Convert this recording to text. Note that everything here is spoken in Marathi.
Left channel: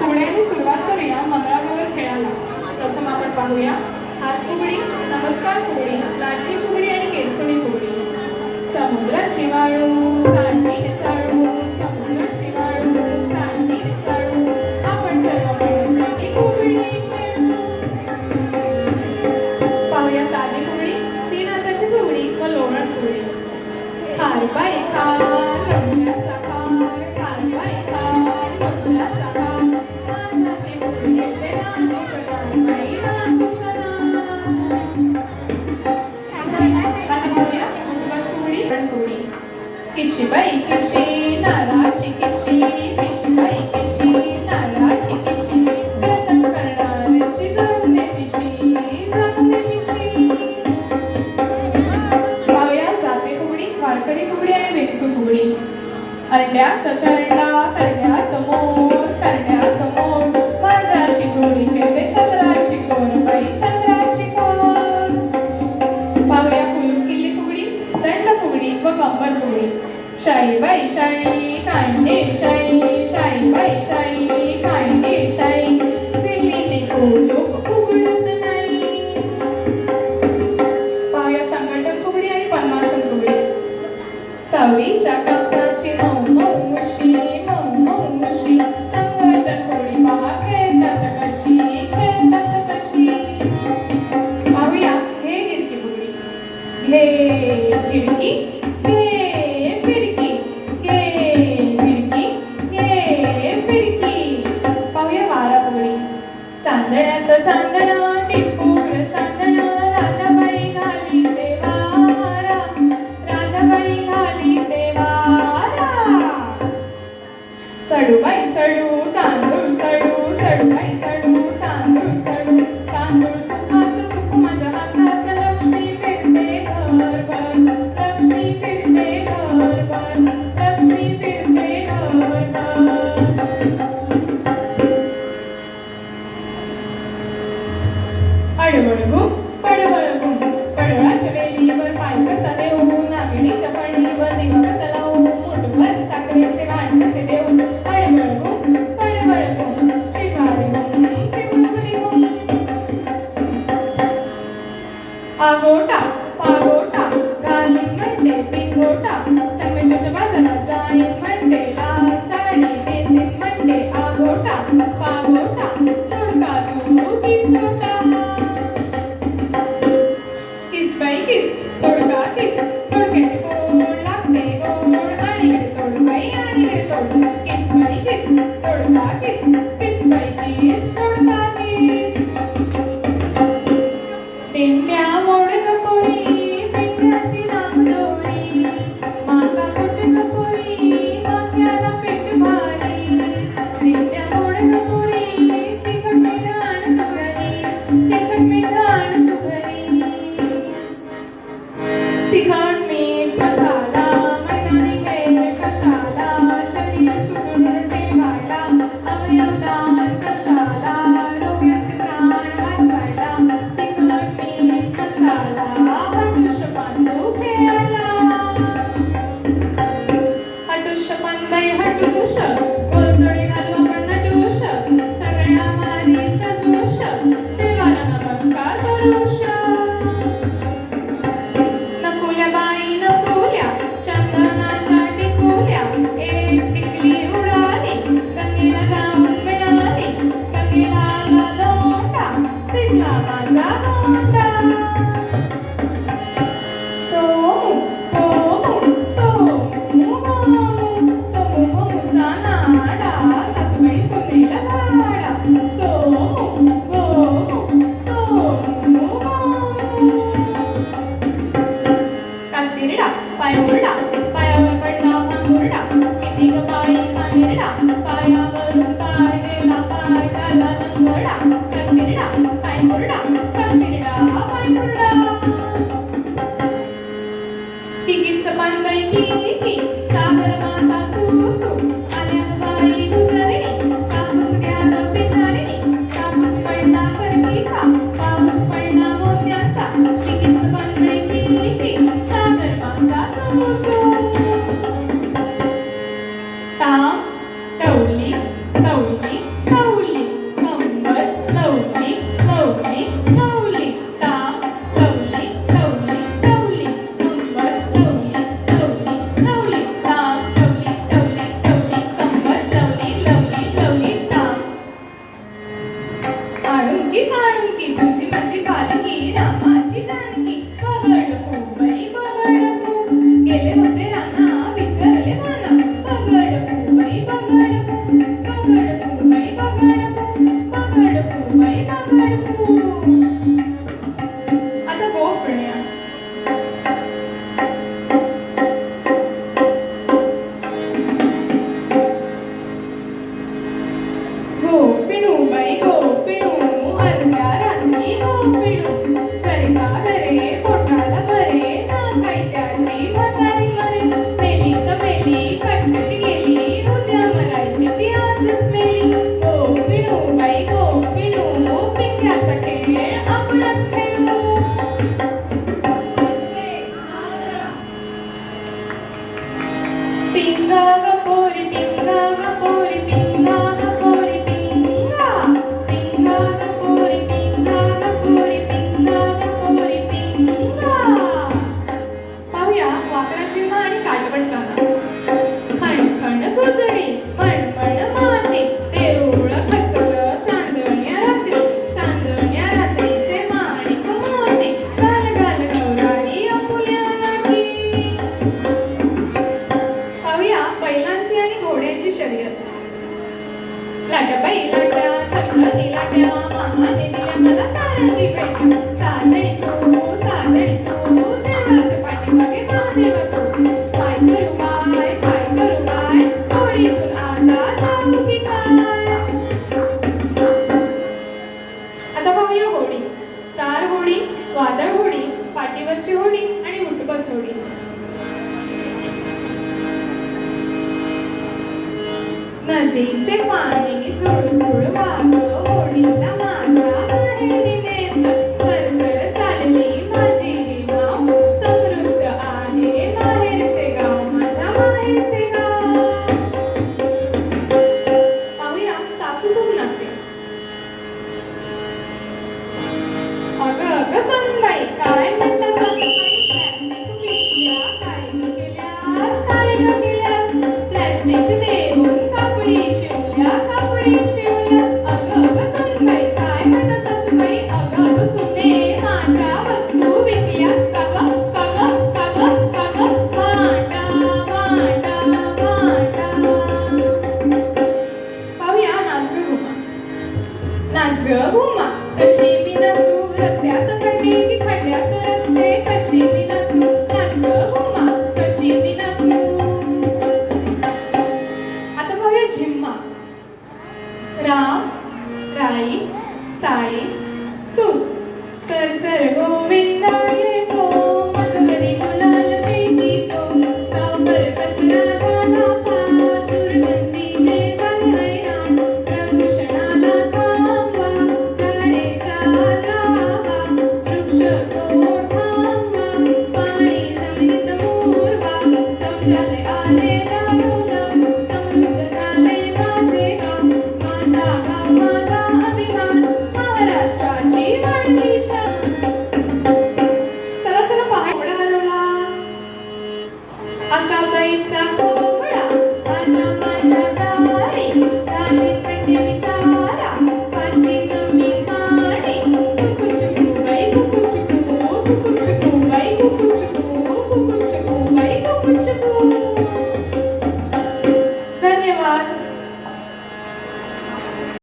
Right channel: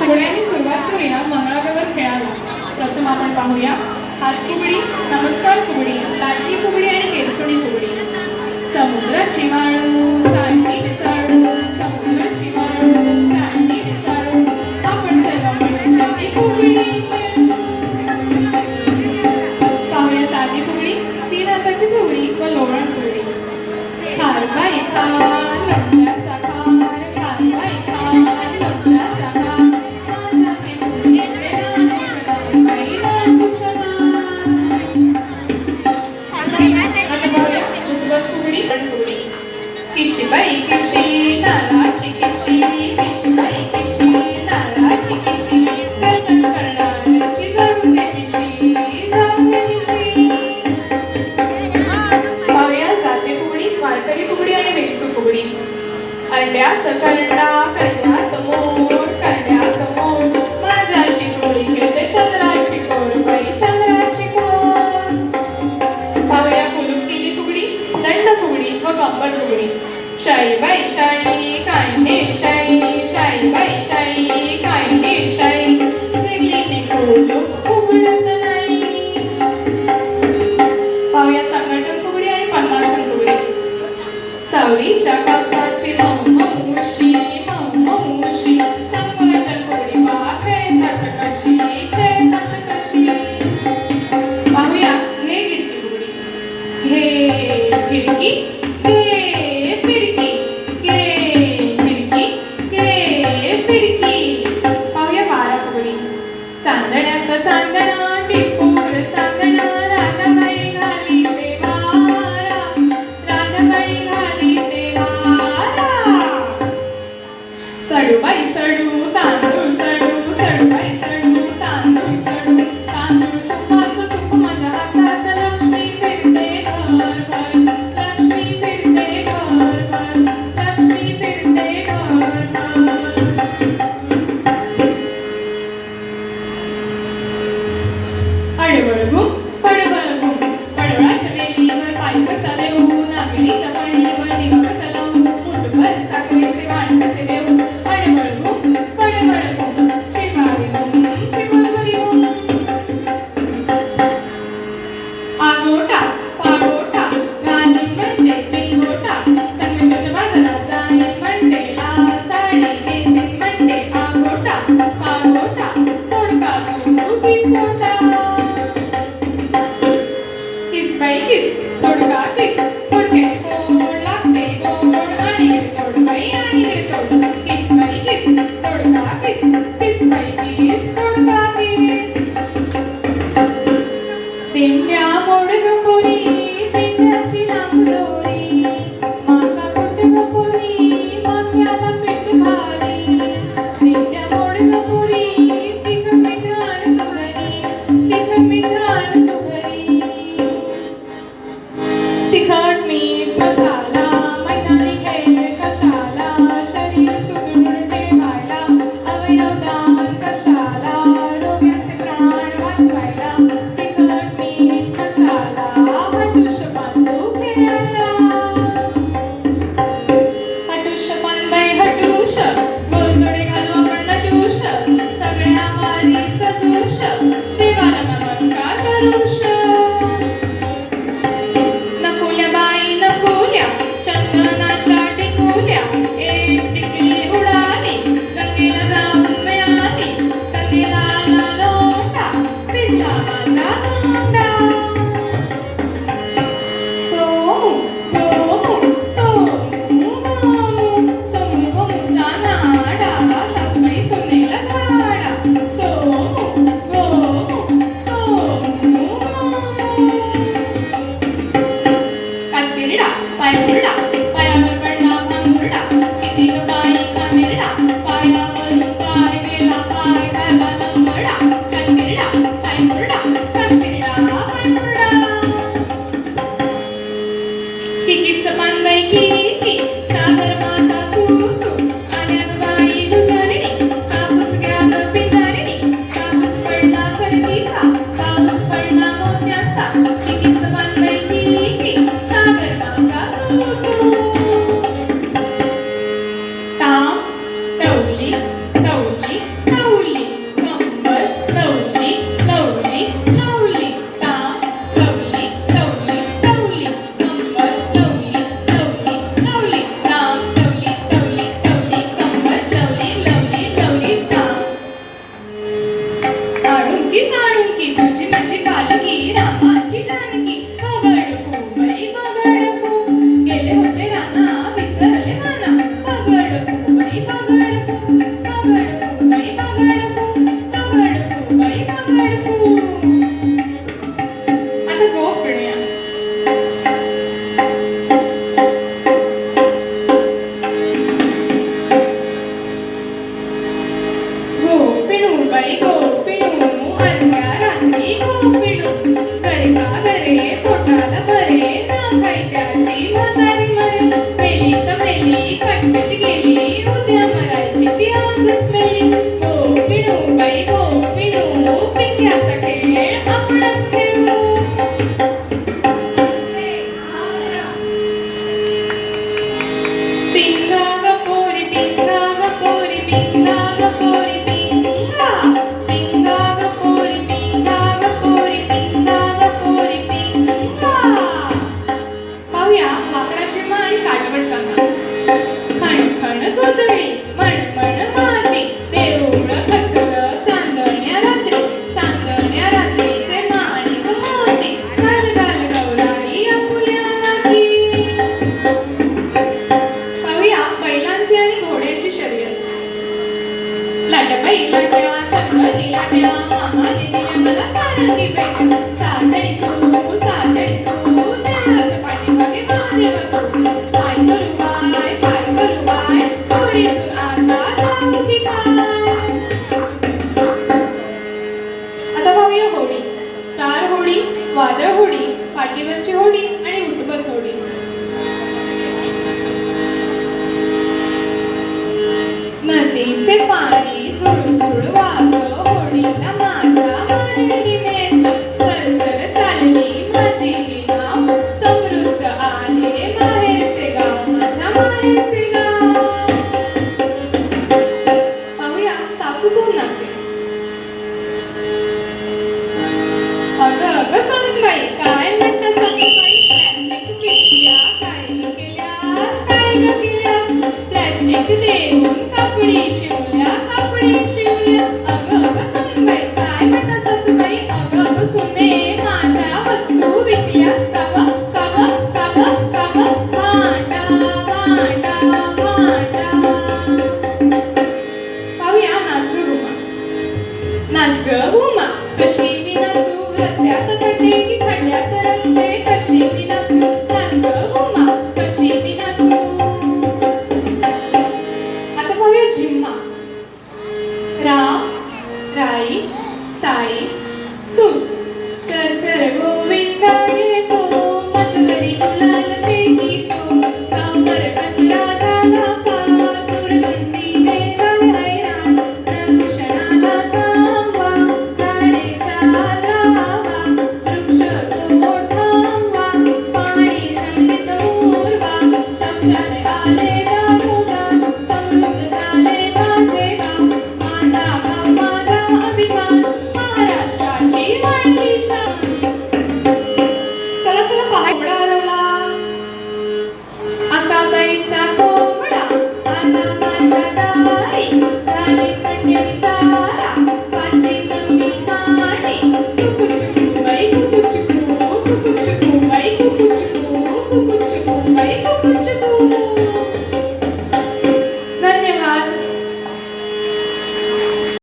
फुगड्याने सुरुवात करूया मंगळागौर खेळाला. प्रथम आपण पाहूया हात फुगडी, नमस्कार फुगडी, लाटणी फुगडी आणि केरसुणी फुगडी. समुद्राची वाळू काढली चाळू, समुद्राची वाळू काढली चाळू, आपण सर्व मिळून फुगडी. पाहूया साधी फुगडी, तीन हाताची फुगडी व लोवण फुगडी. हार बाई हार, लोण्याचा हार, हार बाई हार, लोण्याचा हार, माझ्याची फुगडी बाई नाजूक किशी बाई किशी नारळाची किशी, किशी बाई किशी नारळाची किशी, व्यसन करणाऱ्याची जळू दे मिशी, जळू दे मिशी. पाहूया जाते फुगडी, वारकरी फुगडी आणि वेचू फुगडी. अर्ध्यात करडा करड्यात मोर, करड्यात मोर, माझ्याशी फुगडी खेळते चंद्राची कोर बाई चंद्राची कोर. पाहूया फुलून केली फुगडी, दंड फुगडी व गंमत फुगडी. शाई बाई शाई कांडे शाई, शाई बाई शाई कांडे शाई, जिंकली फुलो उघडत नाही. पाहूया संघटन फुगडी आणि पद्मासन फुगडी. सावळीच्या कापसाची मऊ मऊ मुशी, मऊ मऊ मुशी, संघटन फुगडी पहा खेळतात कशी, खेळतात कशी. पाहूया हे गिरकी फुगडी. हे फिरकी, हे फिरकी, हे फिरकी, हे फिरकी. पाहूया वारा फुगडी. चांदण्यात चांदणा टिपूर चांदणा, राधाबाई घाली देवारा, राधाबाई घाली देवारा. सडूबाई सडू तांदूळ सडू, सडूबाई सडू तांदूळ सडू, तांदूळ सुखात सुख माझ्या हातात, लक्ष्मी फिरते घरभर, लक्ष्मी फिरते घरभर, लक्ष्मी फिरते घरभर. अडवळगू पडवळगू, पडवळाच्या वेलीवर पाय कसा देऊ, नागणीच्या पळणीवर दिवा कसा लावू, मुठभर साखरेचे वाण कसे देऊ. अडवळगू पडवळगू, शिवारी शिवारी आगोटा पागोटा, घाली म्हणते पिंगोटा, संगमेश्वरच्या बाजारात जाणे म्हणते, लाल साडी केसीत म्हणते आगोटा पागोटा, तोडका देऊ किसोटा. किस बाई किस, तोडका किस, तोडक्याची फोड लागते गोड, आणि तोड बाई आणि तोड. किस बाई किस, तोडका किस, किस बाई किस, तोडका किस. तेंड्या मोडक कोरी, तेंड्याची लांब दोरी, मागा कुटक कोरी, माथ्याला पीठ घाली. तेंड्या मोडक कोरी, तिखट मीठ आण तू घरी, तिखट मीठ आण तू घरी. तिखट मीठ मसाला मैदानी खेळ कशाला, शरीर सुदृढ ठेवायला, अवयव दान कशाला, रोग्याचे प्राण वाचवायला. तिखट मीठ मसाला हटुष्य बांधू खेळायला. हटुष्य बांधाय हटुष, गोडधोडे घालू आपण नटुष, सगळ्या वारी सजूष, देवाला नमस्कार करूष. नकुल्या बाई नकुल्या, चंदनाच्या टिकुल्या, एक टिकली उडाली, गंगेला जाऊन मिळाली, गंगेला आला लोटा, भिजला माझा गोंडा. सोमू गोमू, सोमू गोमू, सोमू गोमूचा नाडा, सासूबाई सोनेला झाडा. सोमू गोमू, सोमू गोमू. काचकिरडा पाय मुरडा, पायावर पडला भांगुरडा, किती ग बाई कामिरडा, पायावरून पाय गेला पाय झाला लंगडा. काचकिरडा पाय मुरडा, काचकिरडा पाय मुरडा. किकीचं पान बाई किकी, सागर मासा सुसू, आल्यात बाई दुसरणी, कापूस घ्या पितरणी, कापूस पडला सरकीचा, पाऊस पडला मोत्याचा. किकीचं पान बाई किकी, सागर मासा सुसू. ताम टवली, सवली, बाई गोपिणू अर्ध्या रात्री गोपिणू गरगा गरे पोटाला बरे ना काही त्याची म्हातारी मरे मेली तर मेली खड्ड्यात गेली उद्या मरायची ती आजच मेली गोपिणू बाई गोपिणू पिंग्याचा खेळ आपणच खेळलो पिंगा ग पोरी पिंगा ग पोरी पिंगा ग पोरी पिंगा पिंगा ग पोरी पिंगा ग पोरी पिंगा ग पोरी पिंगा पाहूया वाकडाची मा आणि काटवटकांना खणखण कुदळी मणमण माती देऊळ खचलं चांदण्या रात्रीचे माणिक मोती घाल घाल गौराई आपुल्या नाती पाहूया बैलांची आणि घोड्यांची शर्यत लाटबाई लाट्या छत्रपती लाट्या मामाने दिल्या मला सारंगी पेट्या सातडी सो देवाच्या पाठीमागे महादेव तो काय करू बाय घोडीतून आता जाऊ की काय आता पाहूया होडी स्टार होडी वादळ होडी पाठीवरची होडी आणि उठबस होडी नदीचे पाणी सुळसुळ वाहत होडीला माझ्या मारेली नेत सरसर चालली माझी ही नाव समृद्ध आहे माहेरचे गाव माझ्या माहेरचे गाव पाहूया सासू सून नाते अगं सूनबाई काय म्हणता सासूबाई प्लॅस्टिक पिशव्या काय ग केल्यास प्लॅस्टिक देऊन कपडे शिवल्या अगं सूनबाई काय म्हणता सासूबाई अगं सुने माझ्या वस्तू विकल्यास कावा माटा पाहूया नाच ग घुमा कशी ती नाचू रस्त्यात खड्डे की खड्ड्यात रस्ते कशी ती नाचू नाच ग घुमा कशी ती नाचू आता पाहूया झिम्मा राम राई साई सू सर गोविंदा येतो मधुरी गुलाल फेकीतो गावभर कचरा झाला फार दुर्गंधी ते झाले हैराण प्रदूषणाला थांबवा झाडेच्या लावा वृक्ष तोड थांबवा पाणी जमिनीत उरवा शौचालयाले दारोगा समृद्ध झाले माझे गाव माझा गाव माझा अभिमान महाराष्ट्राची मांडली शान चला पहा कोंबडा हरवला आता गाईचा कोंबडा आला माझ्या दारी झाली कंडीचा